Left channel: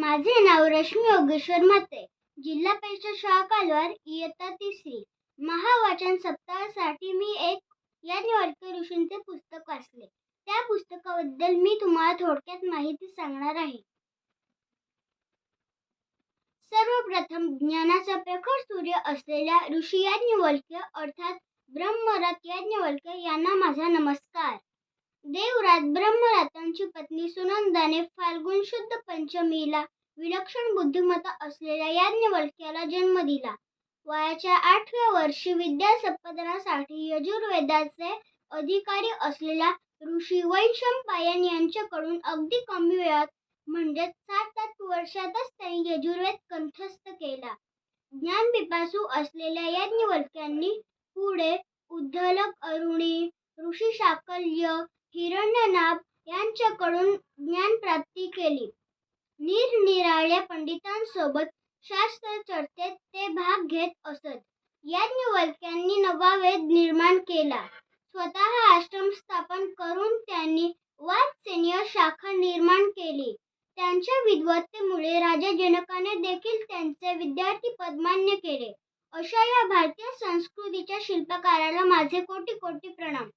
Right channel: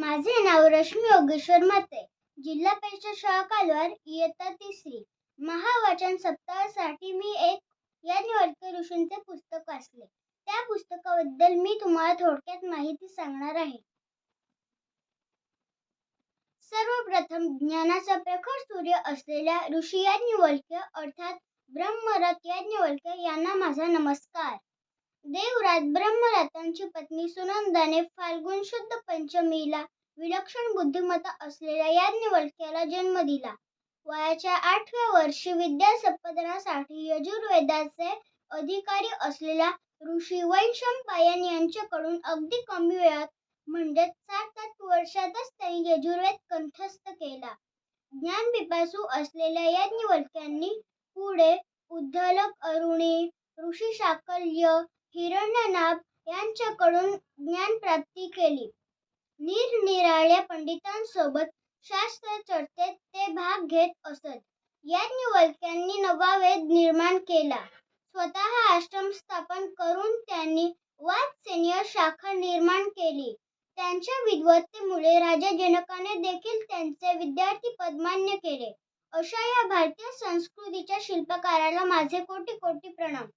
माझे नाव रश्मी योगेश्वर मते जिल्हा परिषद शाळा कालवार इयत्ता तिसरी. महावाचन सप्ताहासाठी मी एक याज्ञवल्क्य ऋषींचे पुस्तक वाचले. त्या पुस्तकाबद्दल मी तुम्हाला थोडक्यात माहिती सांगणार आहे. सर्वप्रथम ज्ञानाचा प्रखर सूर्य असलेल्या ऋषी याज्ञवल्क्य अर्थात ब्रह्मरथ याज्ञवल्क्य यांना माझा नमस्कार. देवराज ब्रह्मरथांची पत्नी सुनंदाने फाल्गुन शुद्ध पंचमीला विलक्षण बुद्धिमत्ता असलेल्या याज्ञवल्क्याला जन्म दिला. वयाच्या आठव्या वर्षी विद्या संपादनासाठी यजुर्वेदाचे अधिकारी असलेल्या ऋषी वैशंपायन यांच्याकडून अगदी कमी वेळात म्हणजेच सात आठ वर्षातच त्यांनी यजुर्वेद कंठस्थ केला. ज्ञानपिपासू असलेल्या याज्ञवल्क्यांनी पुढे उद्धलक अरुणी ऋषी शाकल्य हिरण्यनाभ यांच्याकडून ज्ञानप्राप्ती केली. निरनिराळ्या पंडितांसोबत शास्त्र चर्चेत ते भाग घेत असत. याज्ञवल्क्यांनी नवा वेद निर्माण केला. स्वतः आश्रम स्थापन करून त्यांनी वात्सेनीय शाखा निर्माण केली. त्यांच्या विद्वत्तेमुळे राजा जनकाने देखील त्यांचे विद्यार्थी पदमान्य केले. अशा या भारतीय संस्कृतीच्या शिल्पकाराला माझे कोटी कोटी प्रणाम.